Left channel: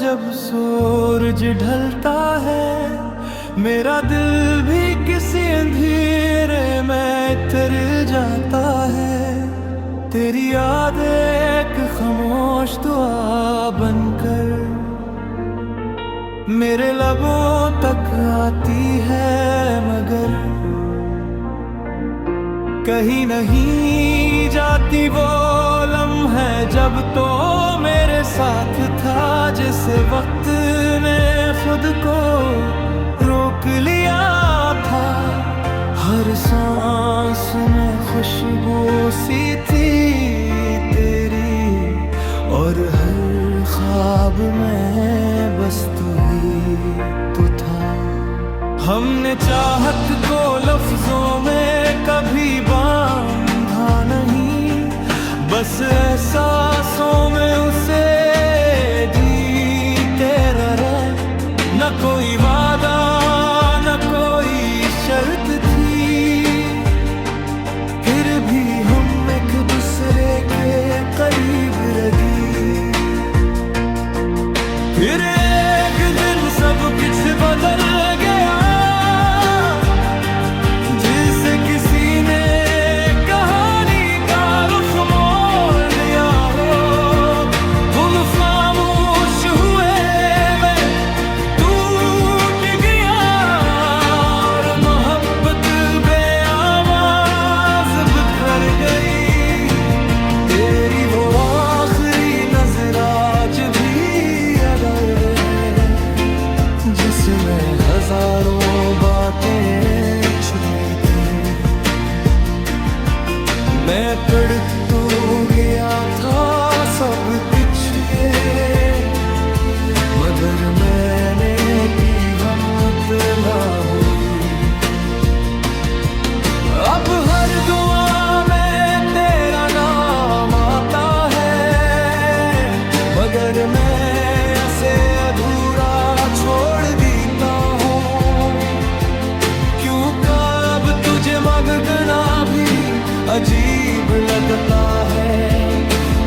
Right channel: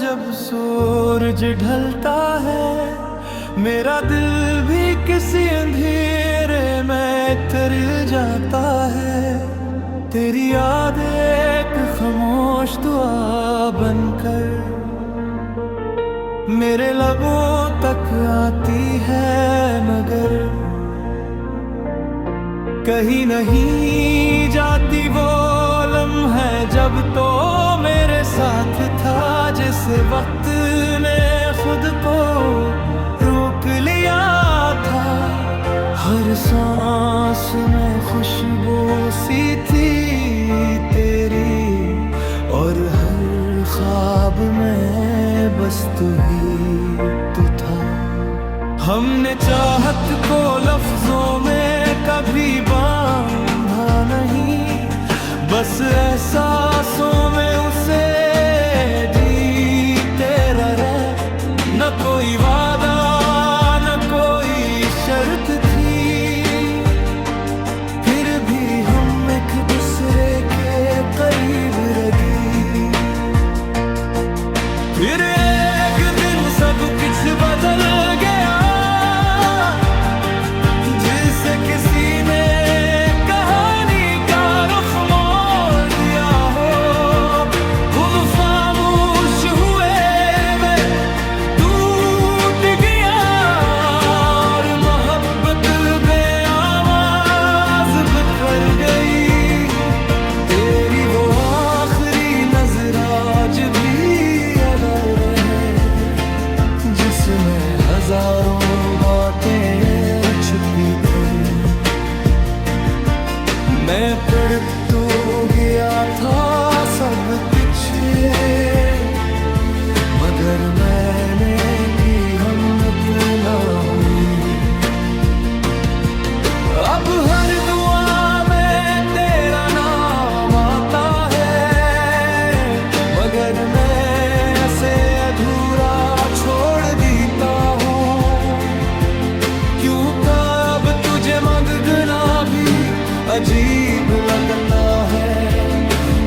जब सूरज ढलता है, मेरा दिल भी किसी अंधेरे में तर जाता है। तेरी याद एक खामोश दुआ बनकर मेरे लबों तक आती है, मगर कहीं नहीं जाती वो लम्हे जब तो मेरे साथ था। जिसे वक्त ने खुद को रोक लिया था, हर सांस में खुशबू सी थी तेरी, और हर ख्वाब में बस तू ही तो था। हमने चाहत को लफ्जों में कभी बांधा नहीं, बस एहसासों में उसे जीते रहे। न कोई वादा न कोई शर्त थी, फिर भी हम एक दूसरे के करीब रही। फिर एक दिन सब कुछ बदल गया, जिसे किसी ने कहानी का रुख मोड़ दिया हो। हम खामोश हुए, मैं टूट गया, और मोहब्बत बेआवाज बिखर गई। तेरी वो आखिरी नजर आज भी याद आ रहे, जिसमें हजारों बातें छुपी थी। मैं पढ़ तो गया था सब कुछ, मगर मैंने की हिम्मत ना हुई। अब हर दुआ में तेरा नाम आता है, मगर मैं ऐसे अधूरा छोड़ देता हूँ। क्यों कब तुझे मांगना भी अजीब लगता है,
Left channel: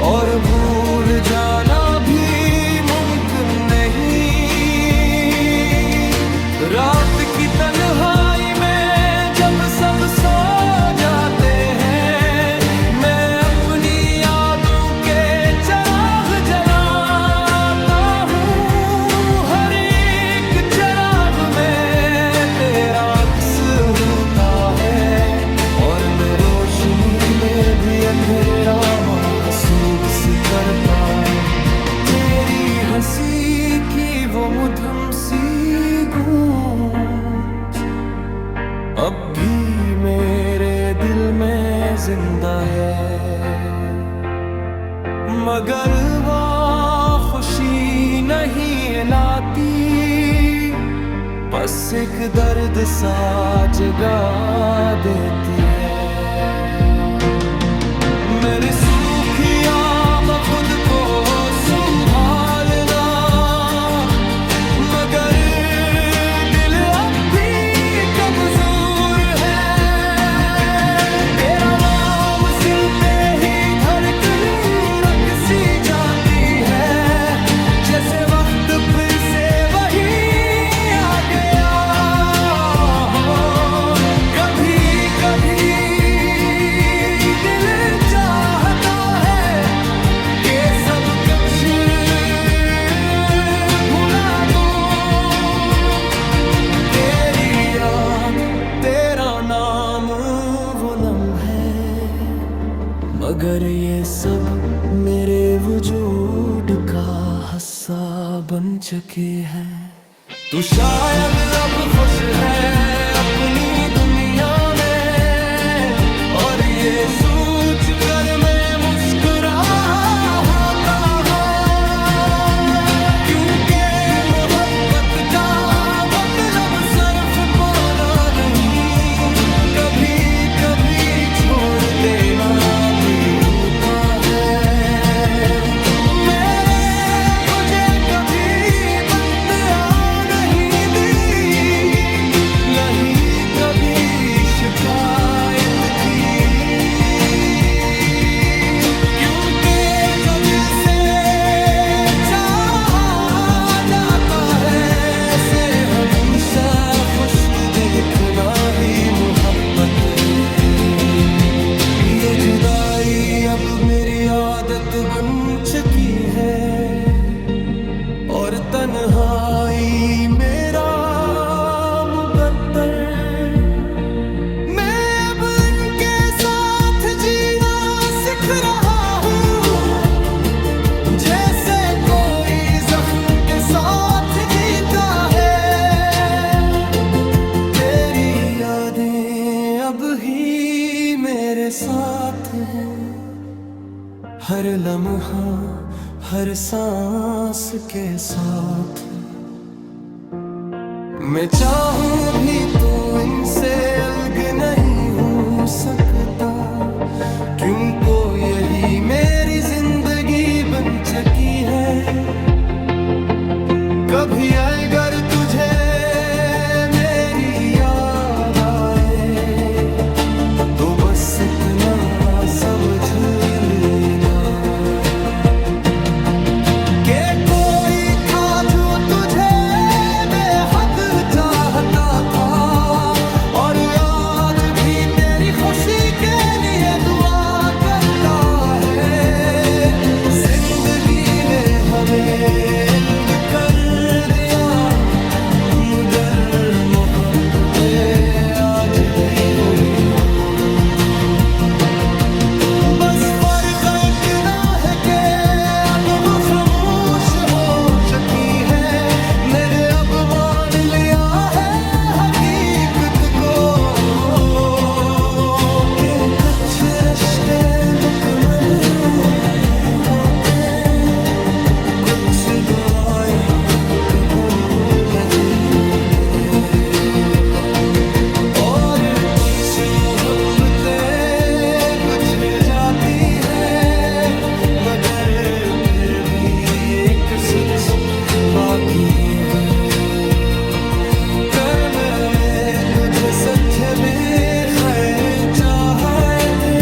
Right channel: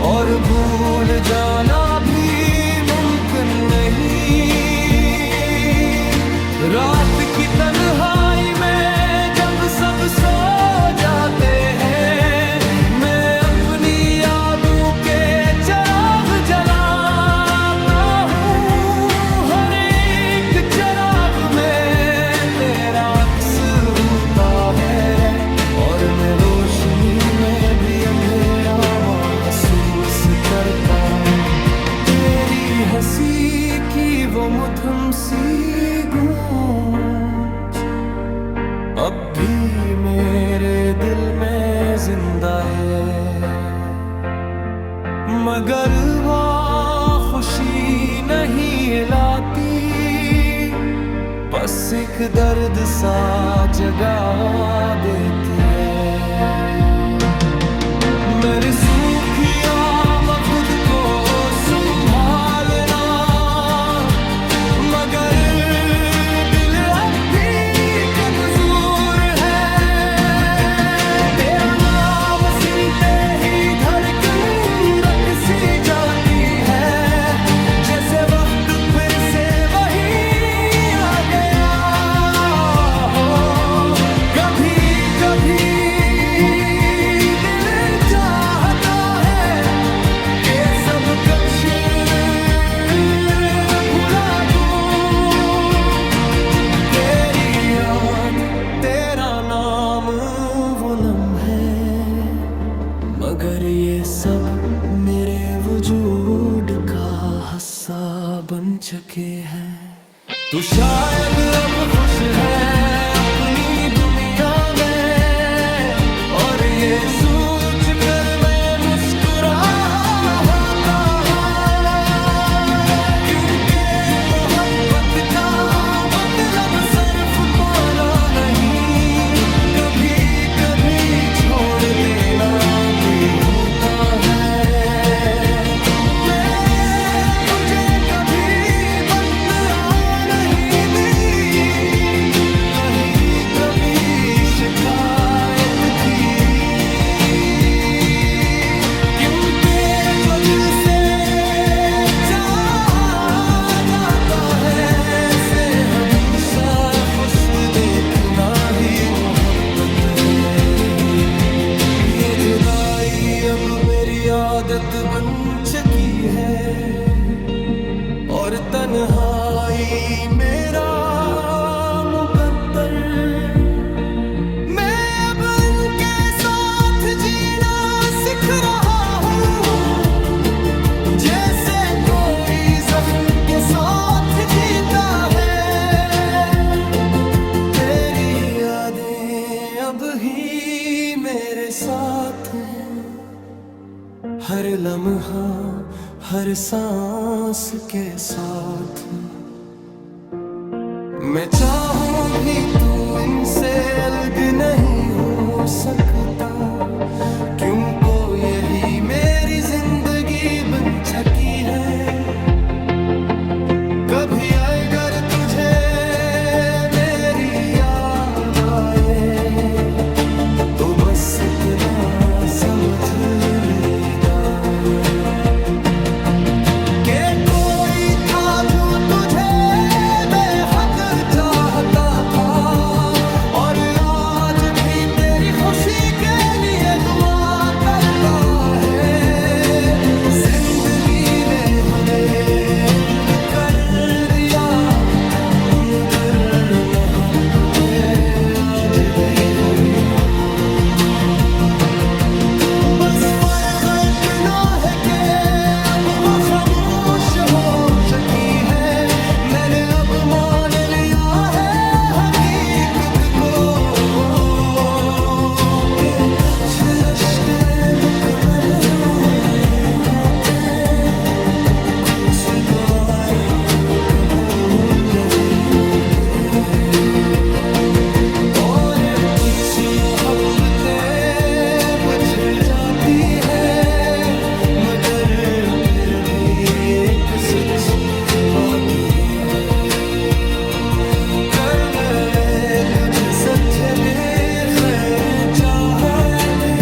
और भूल जाना भी मुमकिन नहीं। रात की तन्हाई में जब सब सो जाते हैं, मैं अपनी यादों के चिराग जलाता हूँ। हर एक चिराग में तेरा अक्स होता है, और मैं रोशनी में भी अंधेरा महसूस करता। तेरी हंसी की वो मधुर सी गूंज अब भी मेरे दिल में जिंदा है, मगर वो खुशी नहीं लाती। बस एक दर्द सा जगा देती है। मेरे सूखी आँख खुद को संभालना, मगर दिल अब भी कमजोर है। तेरा नाम सुनते ही धड़कन रक सी जाती है, जैसे वक्त फिर से वही आ गया हो। कभी कभी दिल चाहता है कि सब कुछ भुला दूं। तेरी याद तेरा नाम वो लम्हे, मगर ये सब मेरे वजूद का हिस्सा बन चुके हैं। तू शायद अब खुश है अपनी दुनिया में, और ये सोच कर मैं मुस्कुराता हूँ। क्योंकि मोहब्बत का मतलब सिर्फ पाना नहीं, कभी कभी छोड़ देना भी होता है। शिकायत की इतना ही मोहब्बत है। ये जुदाई अब मेरी आदत बन चुकी है, और तन्हाई मेरा मुकद्दर। मैं अब इनके साथ जीना सीख रहा हूँ, जैसे कोई जख्म के साथ जीता है। तेरी यादें अब ही मेरे साथ हैं, हर लम्हा हर सांस के साथ। मैं चाहूं भी तो इनसे अलग नहीं हो सकता, क्योंकि यही मेरी जिंदगी बन चुकी है। कभी अगर तुझे मेरी याद आए तो बस इतना समझ लेना कि कोई था जो तुझे बेहद चाहता था, और आज भी तेरी खुशी के लिए दुआ करता है। जिंदगी ने हमें अलग कर दिया, मगर मोहब्बतें आज भी वही हो। बस फर्क इतना है कि चुकी है। मैंने अब मान लिया है हकीकत को, कि कुछ रिश्ते मुकम्मल होते, कुछ दुआएं कबूल नहीं होते, और कुछ मोहब्बतें बिछड़ जाती है। मगर फिर भी एक सच बाकी है, करने में तुझे सच्चे भी खैर चाहे थे,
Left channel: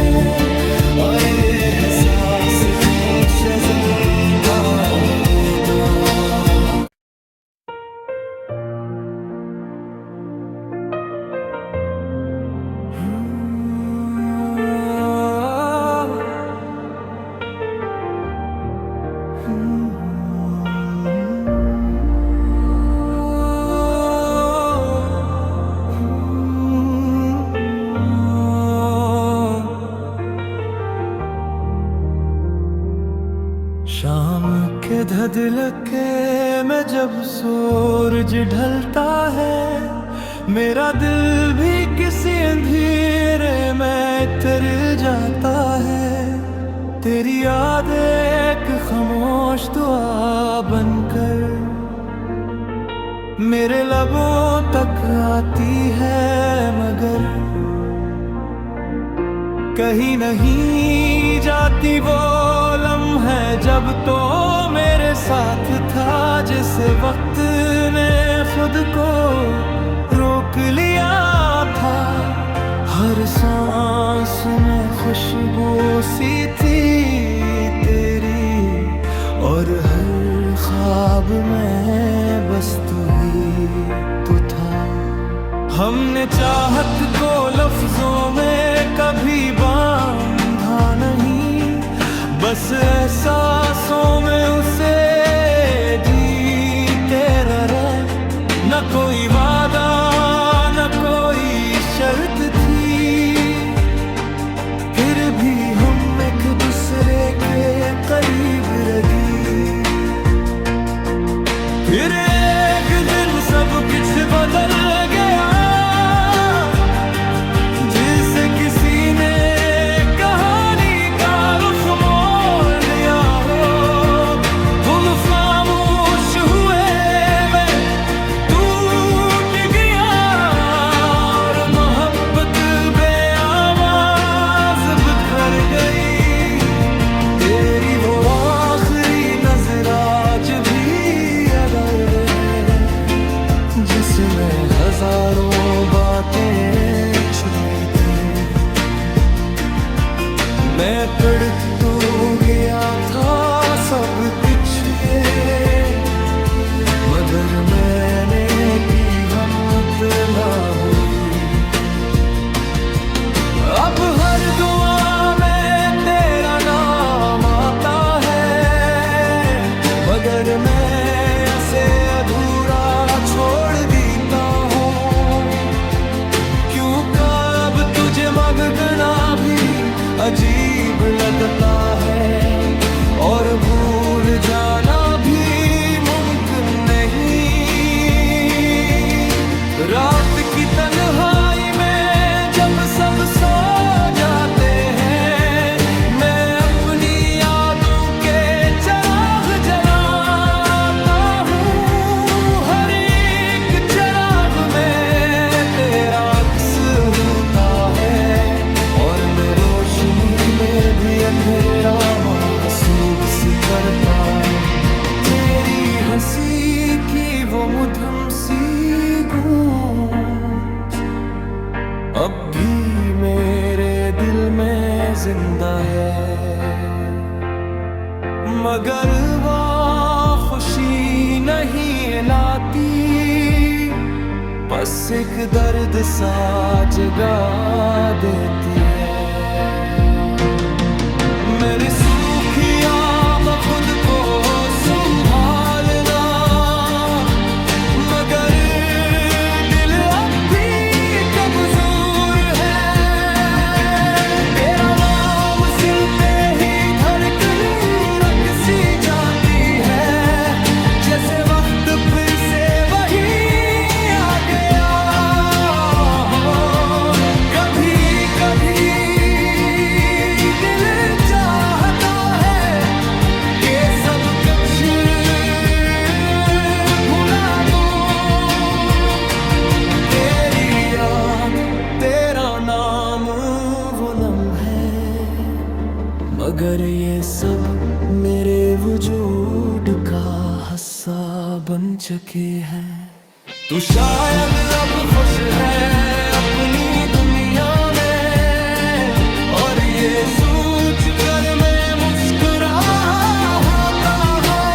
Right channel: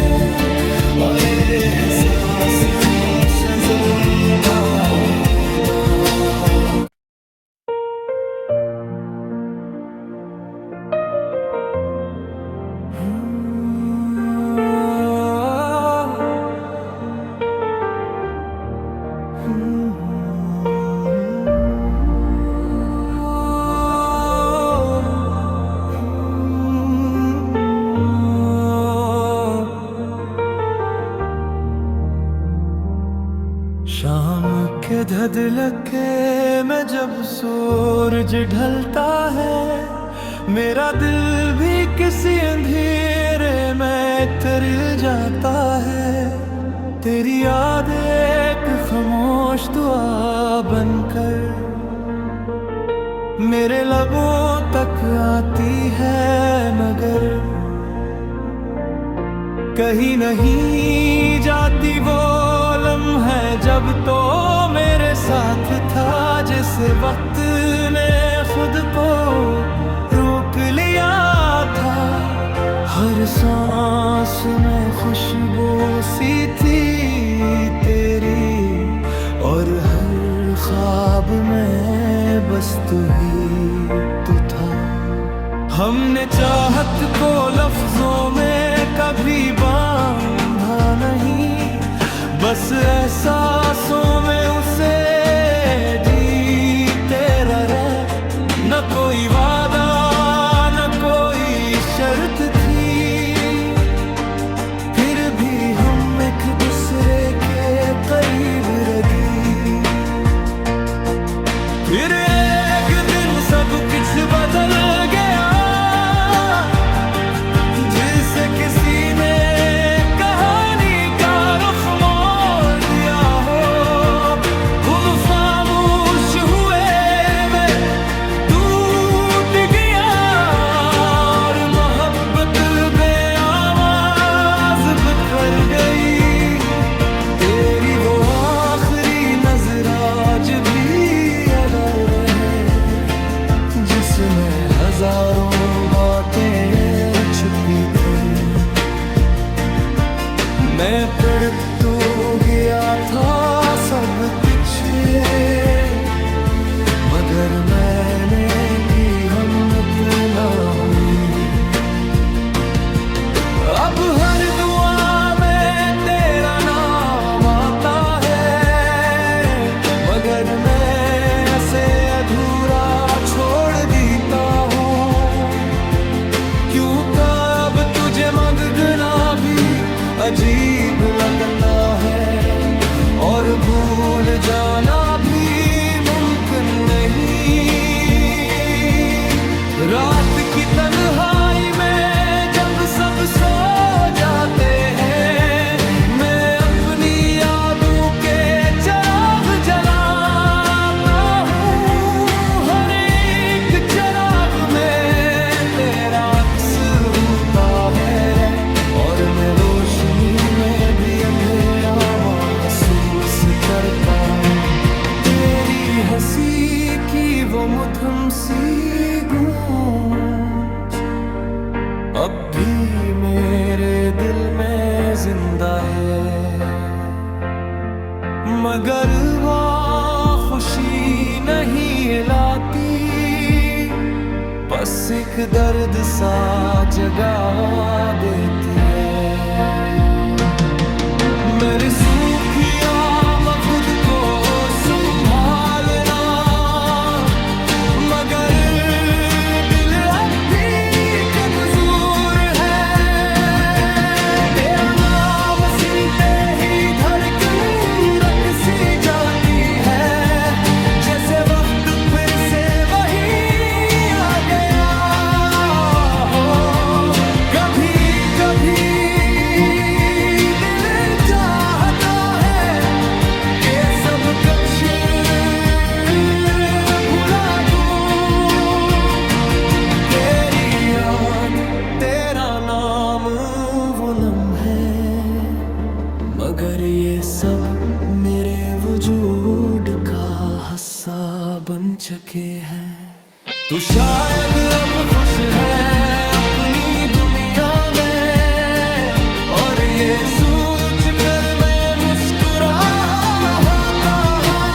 और ये एहसास तुमसे जिंदा रहता। शाम के धधलके में जब सूरज ढलता है, मेरा दिल भी किसी अंधेरे में तर जाता है। तेरी याद एक खामोश दुआ बनकर मेरे लबों तक आती है, मगर कहीं नहीं जाती वो लम्हे जब तो मेरे साथ था, जिसे वक्त ने खुद को रोक लिया था। हर सांस में खुशबू सी थी तेरी, और हर ख्वाब में बस तू ही तो था। हमने चाहत को लफ्जों में कभी बांधा नहीं, बस एहसासों में उसे जीते रहे। न कोई वादा न कोई शर्त थी, फिर भी हम एक दूसरे के करीब रही। फिर एक दिन सब कुछ बदल गया, जिसे किसी ने कहानी का रुख मोड़ दिया हो। हम खामोश हुए, मैं टूट गया, और मोहब्बत बेआवाज बिखर गई। तेरी वो आखिरी नजर आज भी याद आए रहे, जिसमें हजारों बातें छुपी थी। मैं पढ़ तो गया था सब कुछ, मगर मैंने की हिम्मत ना हुई। अब हर दुआ में तेरा नाम आता है, मगर मैं ऐसे अधूरा छोड़ देता हूँ। क्यों कब तुझे मांगना भी अजीब लगता है, और भूल जाना भी मुमकिन नहीं। रात की तन्हाई में जब सब सो जाते हैं, मैं अपनी यादों के चिराग जलाता हूँ। हर एक चिराग में तेरा अक्स होता है, और मैं रोशनी में भी अंधेरा महसूस करता। तेरी हंसी की वो मधुर सी गूंज अब भी मेरे दिल में जिंदा है, मगर वो खुशी नहीं लाती, बस एक दर्द सा जगा देती है। मेरे सूखी आँख खुद को संभालना, मगर दिल अब भी कमजोर है। तेरा नाम सुनते ही धड़कन रग सी जाती है, जैसे वक्त फिर से वही आ गया हो। कभी कभी दिल चाहता है कि सब कुछ भुला दूं। तेरी याद, तेरा नाम, वो लम्हे, मगर ये सब मेरे वजूद का हिस्सा बन चुके हैं। तू शायद अब खुश है अपनी दुनिया में, और ये सोच कर मैं मुस्कुराता हूँ।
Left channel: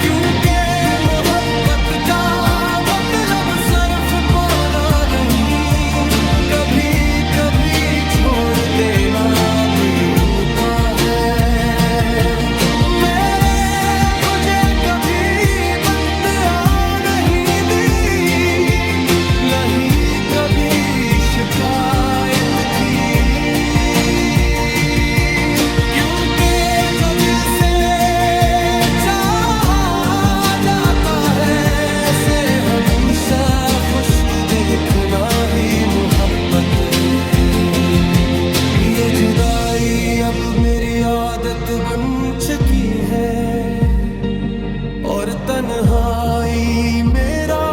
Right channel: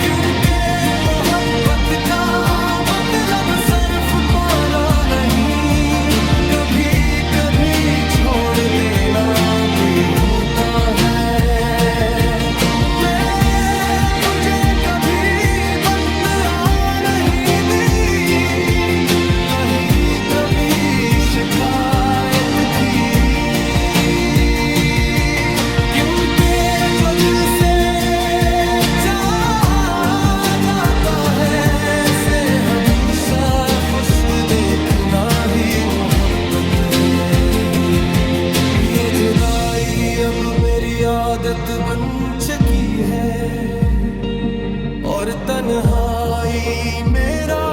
क्योंकि मोहब्बत का मतलब सिर्फ पाना नहीं, कभी कभी छोड़ देना भी होता है। मैंने तुझे कभी बददुआ नहीं दी, नहीं कभी शिकायत की। क्योंकि जो दिल से चाहा जाता है, से हमेशा खुश देखना ही मोहब्बत है। ये जुदाई अब मेरी आदत बन चुकी है, और तन्हाई मेरा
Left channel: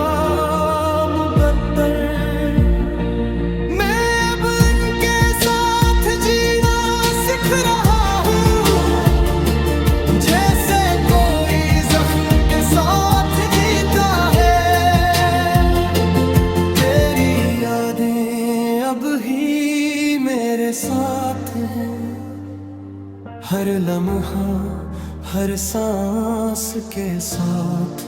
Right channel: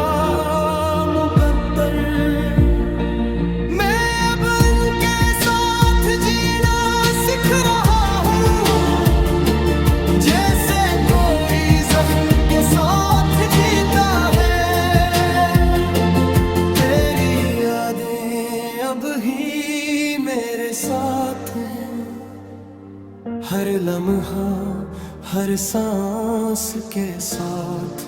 मुकद्दर। मैं अब उनके साथ जीना सीख रहा हूँ, जैसे कोई जख्म के साथ जीता है। तेरी यादें अब ही मेरे साथ हैं, हर लम्हा हर सांस के साथ।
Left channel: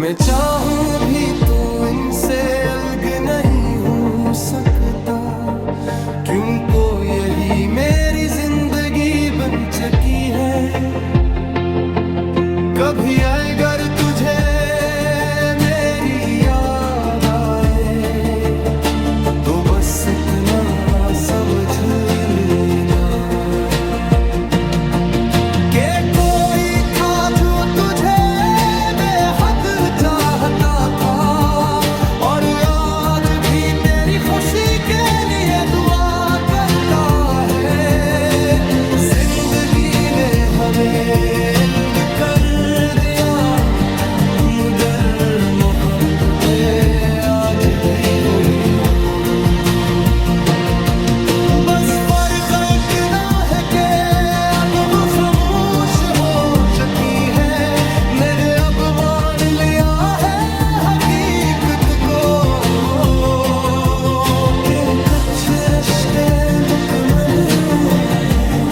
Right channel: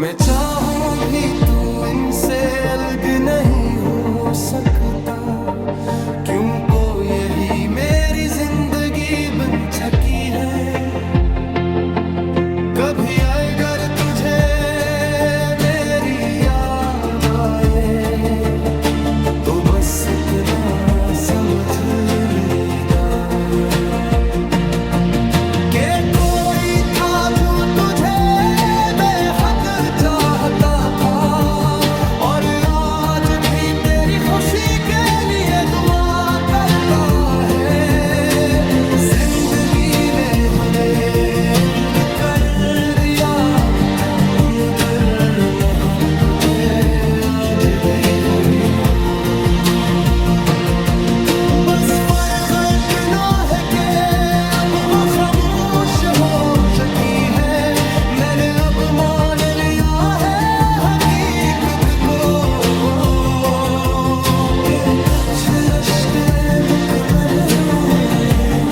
मैं चाहूं भी तो इनसे अलग नहीं हो सकता, क्योंकि यही मेरी जिंदगी बन चुकी है। कभी अगर तुझे मेरी याद आए, तो बस इतना समझ लेना कि कोई था जो तुझे बेहद चाहता था, और आज भी तेरी खुशी के लिए दुआ करता है। जिंदगी ने हमें अलग कर दिया, मगर मोहब्बतें आज भी वही हो। बस फर्क इतना है कि अब वो खामोश हो चुकी है। मैंने अब मान लिया है हकीकत को, कि कुछ रिश्ते मुकम्मल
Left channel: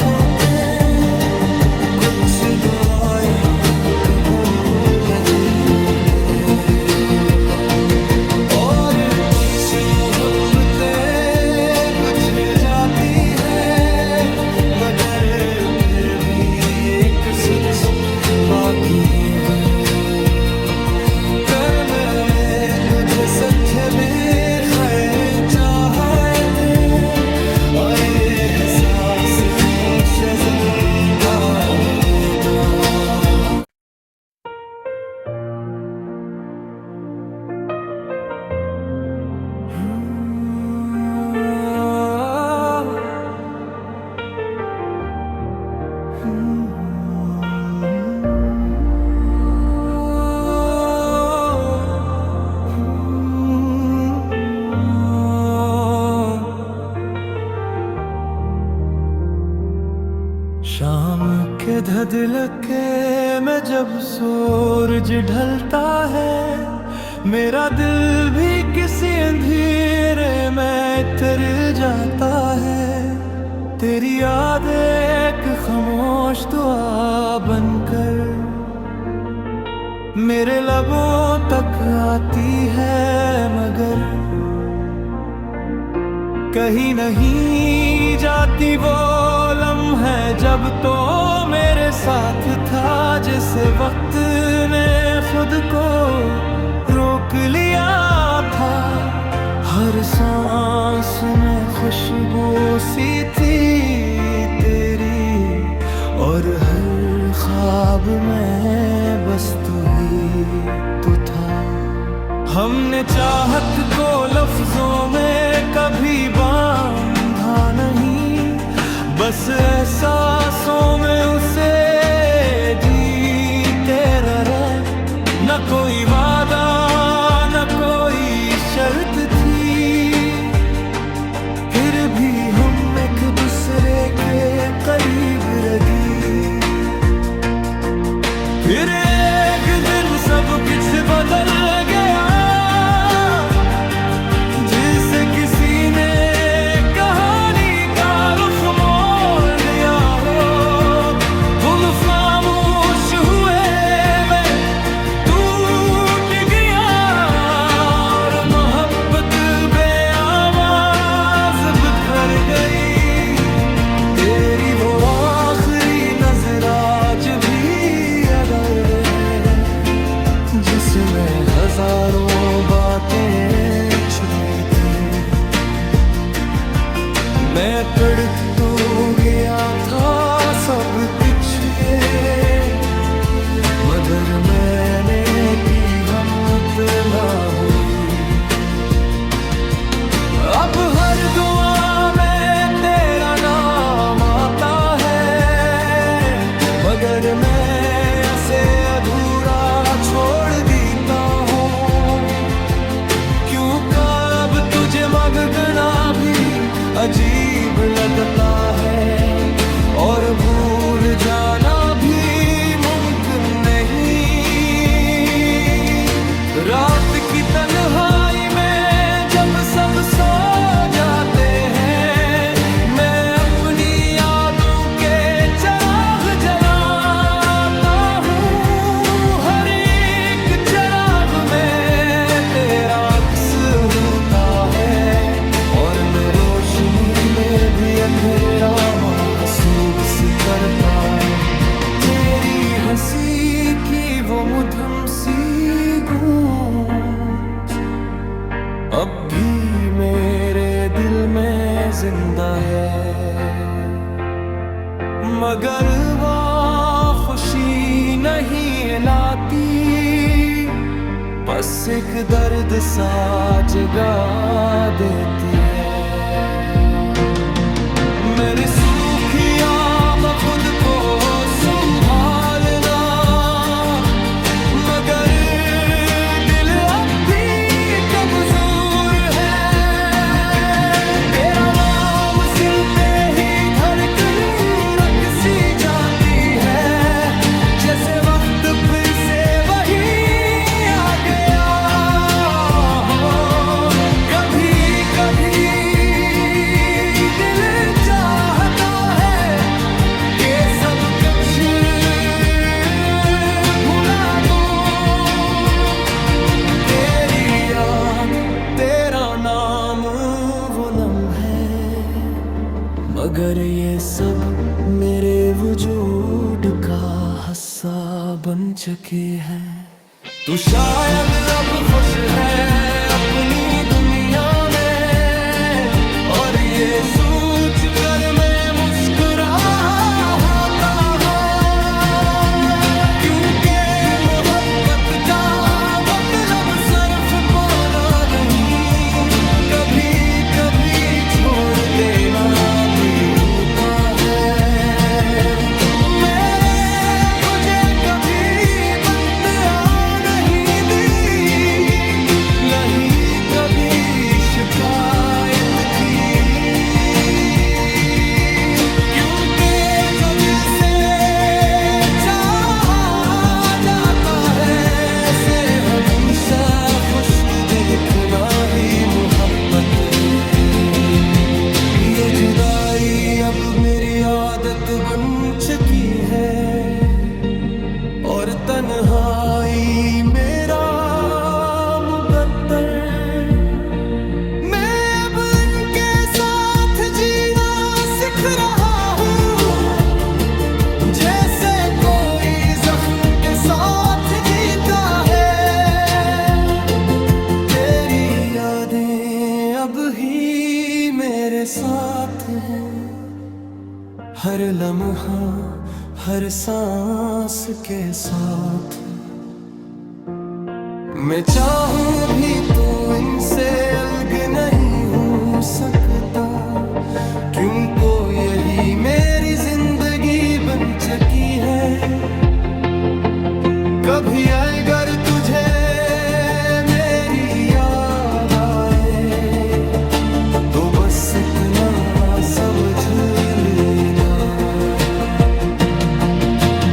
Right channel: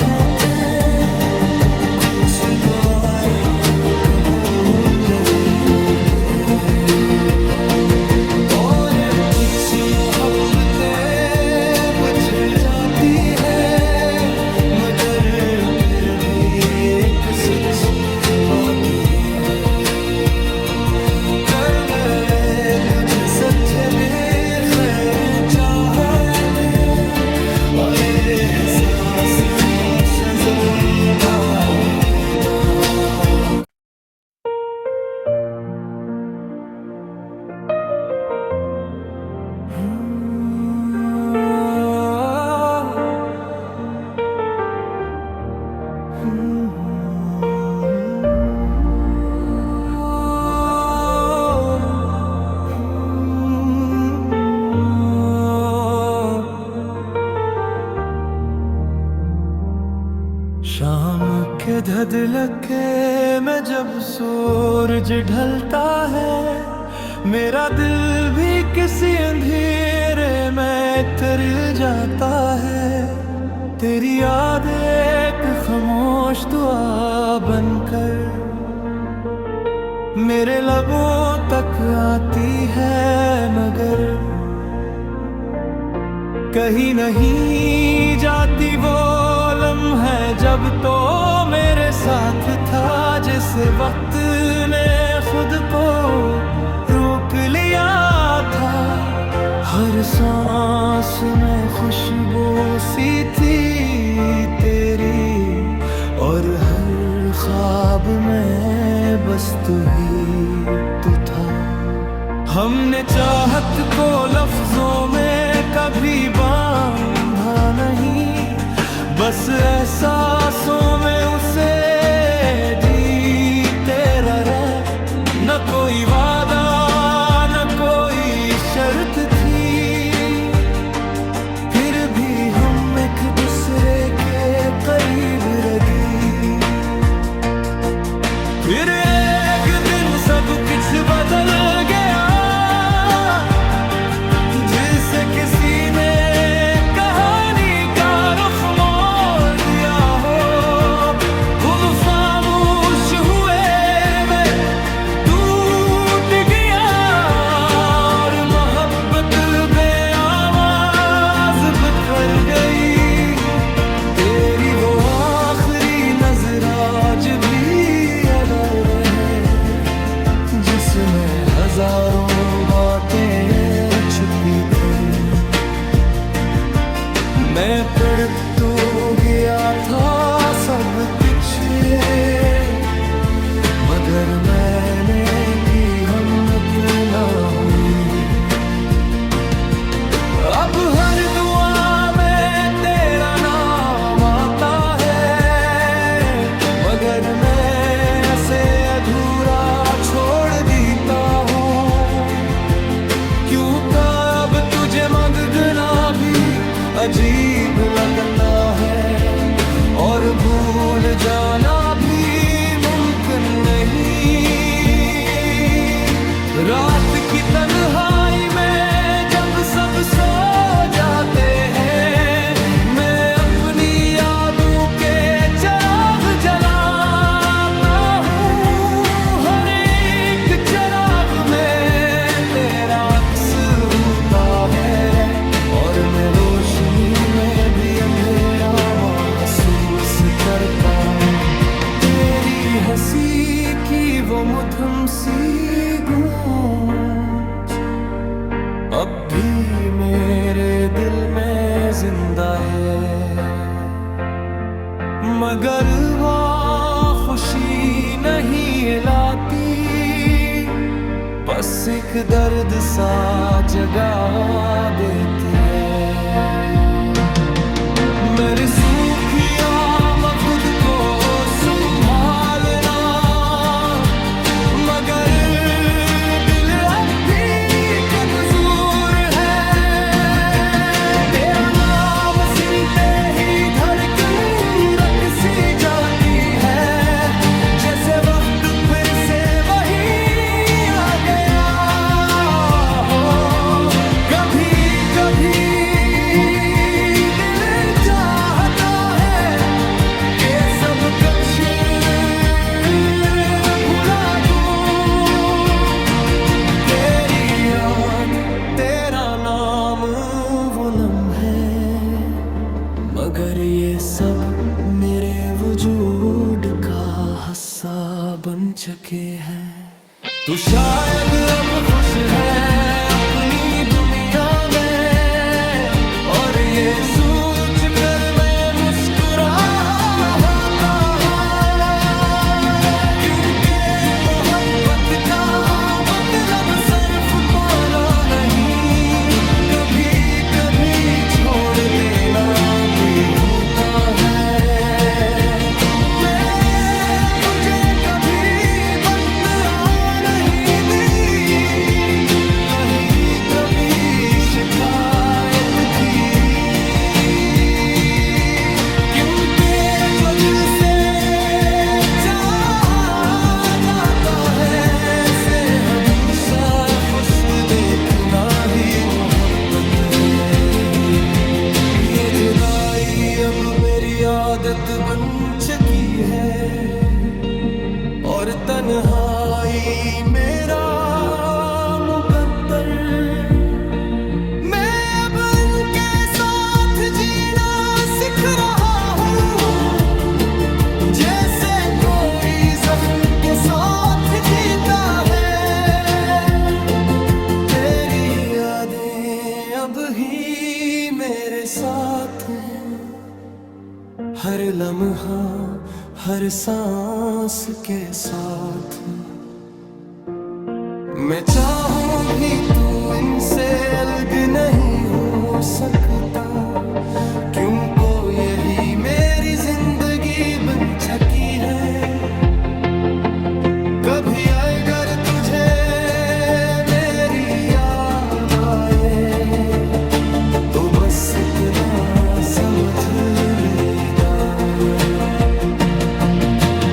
होते, कुछ दुआएं कबूल नहीं घूटे। और कुछ मोहब्बतें बिछड़ जाती है, मगर फिर भी एक सच बाकी ये है, करने में तुझे सच्चे भी खैर चाहे थे। और ये एहसास हमेशा जिंदा रहेगा। शाम के धधलके में जब सूरज ढलता है, मेरा दिल भी किसी अंधेरे में तर जाता है। तेरी याद एक खामोश दुआ बनकर मेरे लबों तक आती है, मगर कहीं नहीं जाती वो लम्हे जब तो मेरे साथ था, जिसे वक्त ने खुद को रोक लिया था। हर सांस में खुशबू सी थी तेरी, और हर ख्वाब में बस तू ही तो था। हमने चाहत को लफ्जों में कभी बांधा नहीं, बस एहसासों में उसे जीते रहे। न कोई वादा न कोई शर्त थी, फिर भी हम एक दूसरे के करीब रही। फिर एक दिन सब कुछ बदल गया, जिसे किसी ने कहानी का रुख मोड़ दिया हो। खुद खामोश हुए मैं टूट गया, और मोहब्बत बेआवाज बिखर गई। तेरी वो आखिरी नजर आज भी याद आ रहे, जिसमें हजारों बातें छुपी थी। मैं पढ़ तो गया था सब पीछे, मगर मैंने की हिम्मत ना हुई। अब हर दुआ में तेरा नाम आता है, मगर मैं ऐसे अधूरा छोड़ देता हूँ। क्यों कब तुझे मांगना भी अजीब लगता है, और भूल जाना भी मुमकिन नहीं। रात की तन्हाई में जब सब सो जाते हैं, मैं अपनी यादों के चिराग जलाता हूँ। हर एक चिराग में तेरा अक्स होता है, और मैं रोशनी में भी अंधेरा महसूस करता। तेरी हंसी की वो मधुर सी गूंज अब भी मेरे दिल में जिंदा है, मगर वो खुशी नहीं लाती, बस एक दर्द सा जगा देती है। मेरे सूखिया खुद को संभालना, मगर दिल अब भी कमजोर है। तेरा नाम सुनते ही धड़कन रक सी जाती है, जैसे वक्त फिर से वही आ गया हो। कभी कभी दिल चाहता है कि सब कुछ मगर ये सब मेरे वजूद का हिस्सा बन चुके हैं। तू शायद अब खुश है अपनी दुनिया में, और ये सोच कर मैं मुस्कुराता हूं, क्योंकि मोहब्बत का मतलब सिर्फ पाना नहीं, कभी कभी छोड़ देना भी होता है। शिकायत की, क्योंकि जो दिल से चाहा जाता है से हमेशा खुश देखना ही मोहब्बत है। ये जुदाई अब मेरी आदत बन चुकी है, और तन्हाई मेरा मुकद्दर। अब ही मेरे साथ हैं, हर लम्हा हर सांस के साथ। मैं चाहूं भी तो इनसे अलग नहीं हो सकता, क्योंकि यही मेरी जिंदगी बन चुकी है। कभी अगर तुझे मेरी याद आए तो बस इतना समझ लेना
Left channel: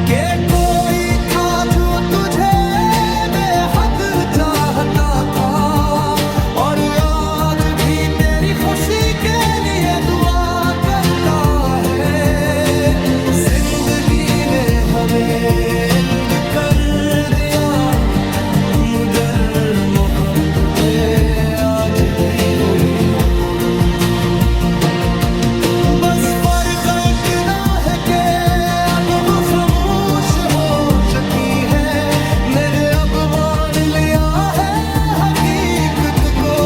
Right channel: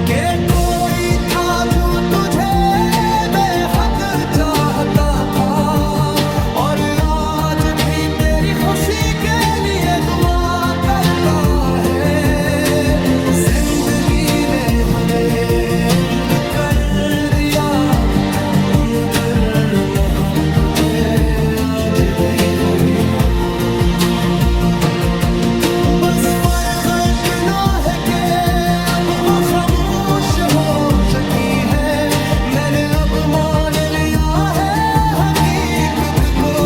कि कोई था जो तुझे बेहद चाहता था, और आज भी तेरी खुशी के लिए दुआ करता है। जिंदगी ने हमें अलग कर दिया, मगर मोहब्बतें आज भी वही हो। बस फर्क इतना है कि अब वो खामोश हो चुकी है। मैंने अब मान लिया है हकीकत को,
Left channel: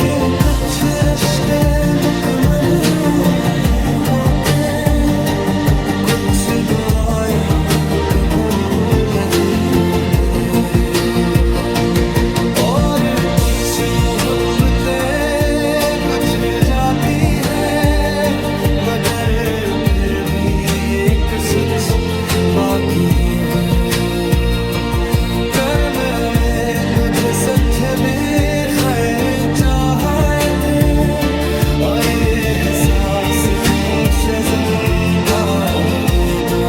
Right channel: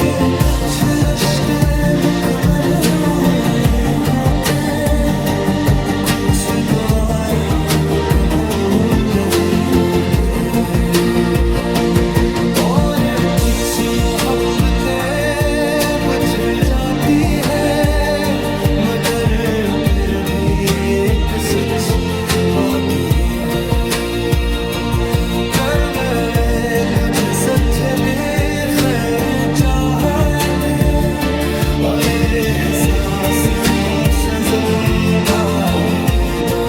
कि कुछ रिश्ते मुकम्मल होते, कुछ दुआएं कबूल नहीं होते, और कुछ मोहब्बतें बिछड़ जाती है। मगर फिर भी एक सच बाकी है, करने में तुझे सच्चे भी खैर चाहे थे, और ये एहसास तुमसे जिंदा देता।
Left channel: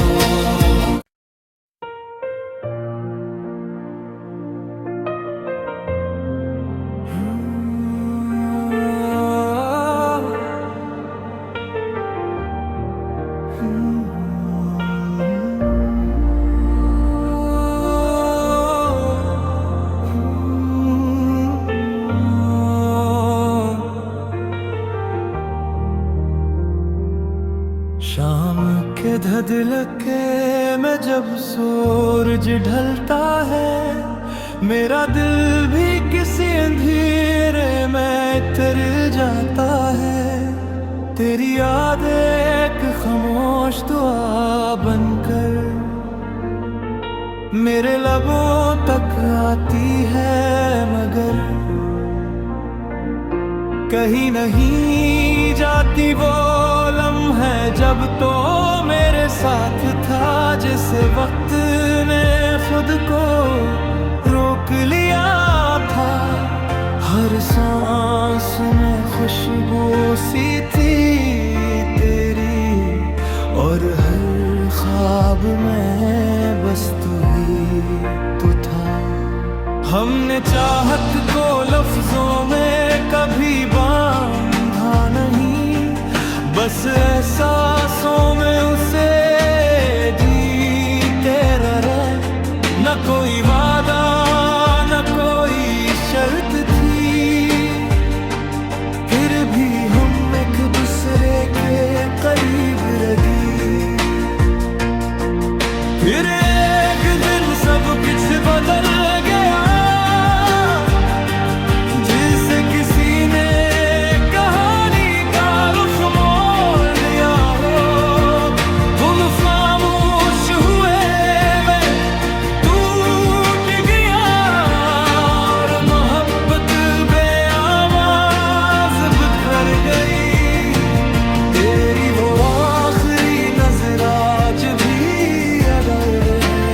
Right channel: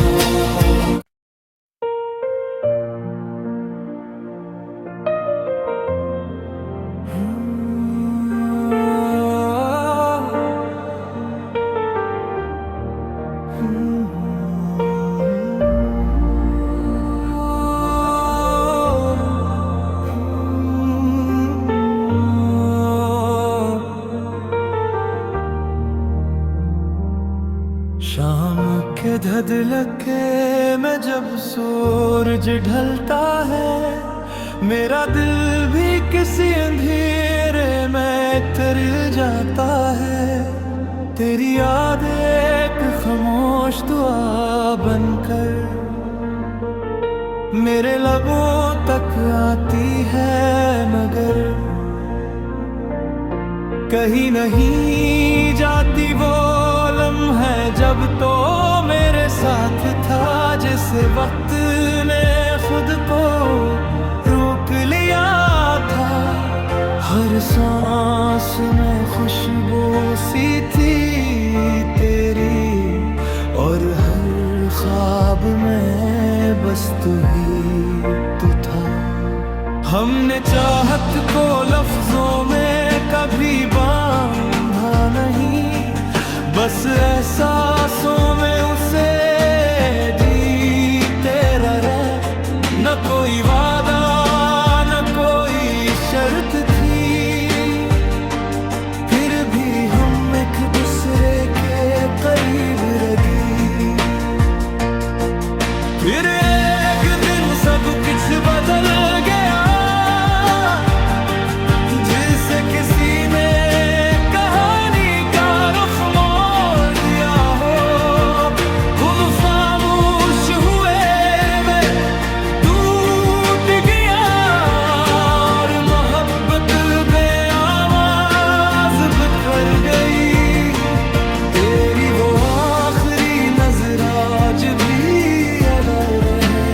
शाम के धधलके में जब सूरज ढलता है, मेरा दिल भी किसी अंधेरे में तर जाता है। तेरी याद एक खामोश दुआ बनकर मेरे लबों तक आती है, मगर कहीं नहीं जाती वो लम्हे जब तो मेरे साथ था, जिसे वक्त ने खुद को रोक लिया था। हर सांस में खुशबू सी थी तेरी, और हर ख्वाब में बस तू ही तो था। हमने चाहत को लफ्जों में कभी बांधा नहीं, बस एहसासों में उसे जीते रहे। न कोई वादा न कोई शर्त थी, फिर भी हम एक दूसरे के करीब रही। फिर एक दिन सब कुछ बदल गया, जिसे किसी ने कहानी का रुख मोड़ दिया हो। तुम खामोश हुए, मैं टूट गया, और मोहब्बत बेआवाज बिखर गई। तेरी वो आखिरी नजर आज भी याद आ रहे,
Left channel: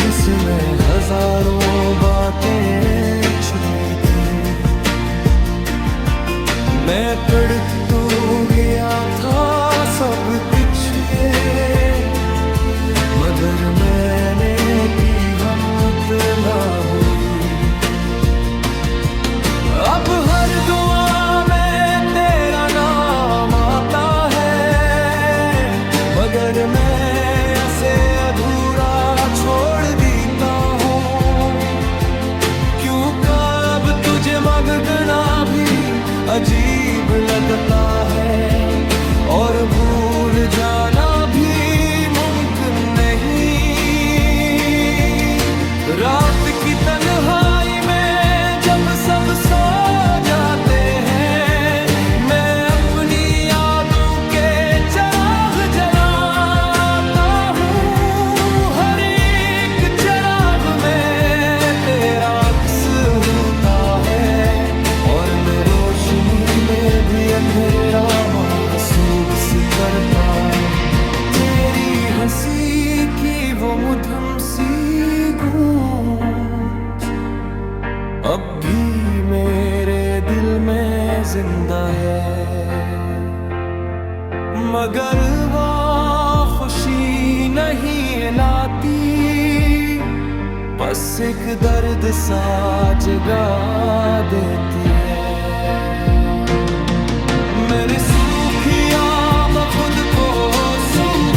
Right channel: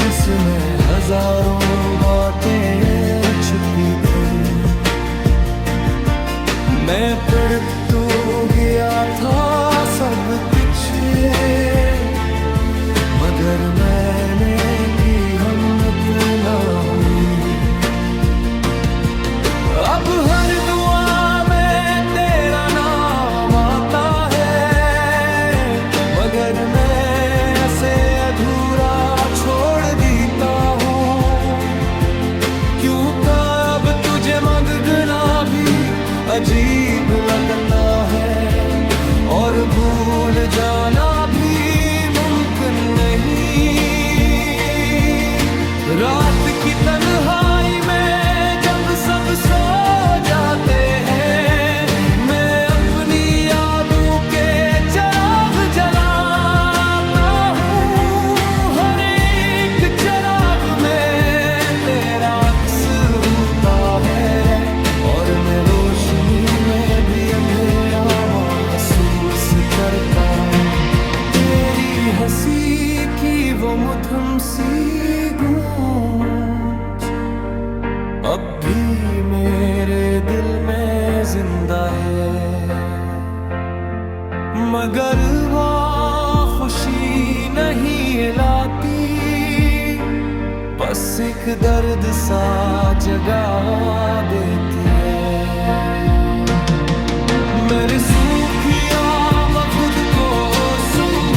जिसमें हजारों बातें छुपी थी। मैं पढ़ तो गया था सब पीछे, मगर मैंने की हिम्मत ना हुई। अब हर दुआ में तेरा नाम आता है, मगर मैं ऐसे अधूरा छोड़ देता हूँ। क्यों कब तुझे मांगना भी अजीब लगता है, और भूल जाना भी मुमकिन नहीं। रात की तन्हाई में जब सब सो जाते हैं, मैं अपनी यादों के चिराग जलाता हूँ। हर एक चिराग में तेरा अक्स होता है, और मैं रोशनी में भी अंधेरा महसूस करता। तेरी हंसी की वो मधुर सी गूंज अब भी मेरे दिल में जिंदा है, मगर वो खुशी नहीं लाती, बस एक दर्द सा जगा देती है। मेरे सूखी आँख खुद को सुन